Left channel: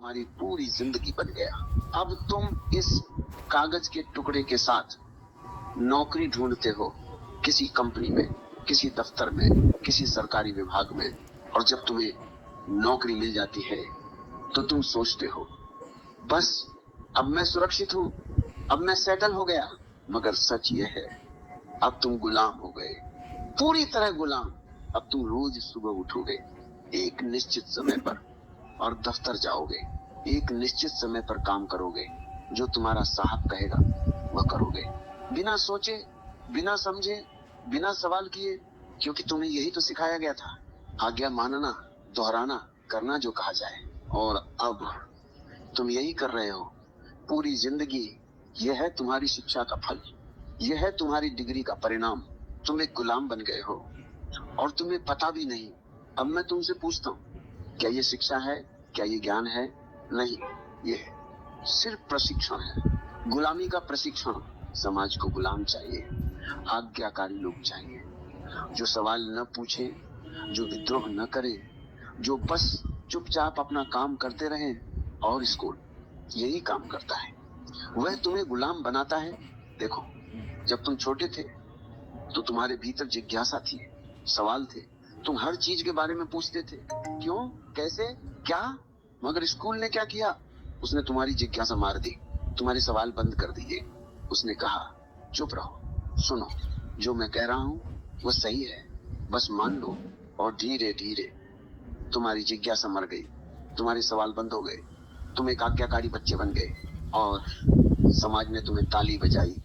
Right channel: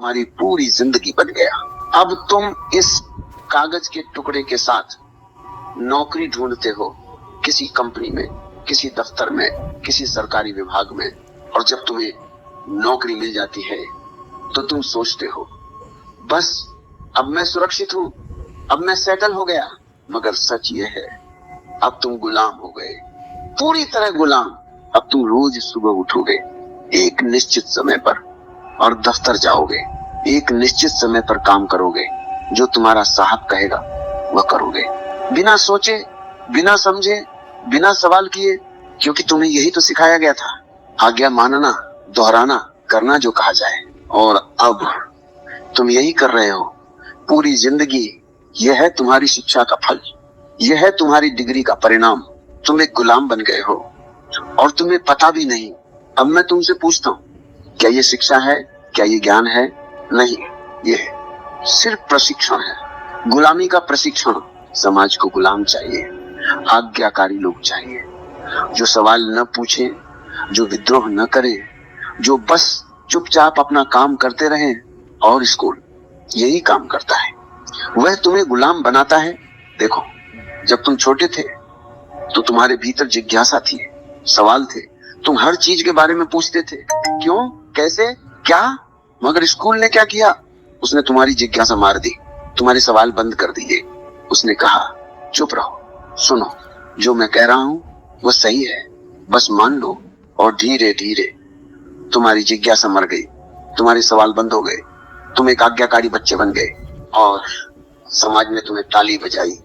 तुम्हारी पूरी जिंदगी बन गया। अब तुम इस कागज के टुकड़े के साथ नौकरी ढूंढते हो, किसी कंपनी में, किसी दफ्तर में, किसी सरकारी विभाग में, और जब तुम्हें नौकरी मिल जाती है तो तुम सोचते हो बस अब मैं सुरक्षित हूं, अब मैं सेटल हो गया। मगर सच ये है, अब तुम गुलाम हो गए, पूरी तरह गुलाम। अब तुम रोज सुबह उठोगे एक निश्चित समय पर और दफ्तर जाओगे, एक निश्चित समय पर काम करोगे, जो तुम्हारा साहब कहेगा वह करोगे, बिना सोचे, बिना समझे, बिना सवाल किए, क्योंकि तुम्हें यही तो सिखाया गया था, आज्ञा मानना, दोहराना, करना जो कहा जाए। और अब तुम यही कर रहे हो पूरी जिंदगी। यह है तुम्हारी शिक्षा का फल, यह है तुम्हारी डिग्री का परिणाम। तुम एक गुलाम बन गए हो और तुम्हें पता भी नहीं। अब मैं तुमसे पूछता हूँ, क्या ये शिक्षा है, क्या ये ज्ञान है? नहीं, ये सिर्फ प्रशिक्षण है, गुलामी का प्रशिक्षण। समाज को गुलाम चाहिए, आज्ञाकारी लोग चाहिए, जो सवाल न पूछे, जो विद्रोह न करे, जो बस चुपचाप अपना काम करते रहे। और स्कूल यही काम करता है, वह तुम्हें गुलाम बनाता है। देखो, जब तुम छोटे थे तो तुम्हारे भीतर जिज्ञासा थी, सवाल थे, तुम हर चीज के बारे में पूछते थे, क्यों, कैसे, क्या। मगर स्कूल ने क्या किया? उसने तुम्हारी जिज्ञासा मार दी, तुम्हारे सवाल बंद कर दिए। उसने कहा चुप रहो, सुनो, जो मैं कह रहा हूं वो सही है, बस मान लो। और धीरे धीरे तुम्हारी जिज्ञासा मर गई, तुम्हारे सवाल बंद हो गए, तुम एक आज्ञाकारी बच्चे बन गए और समाज ने तुम्हें ताली बजाई।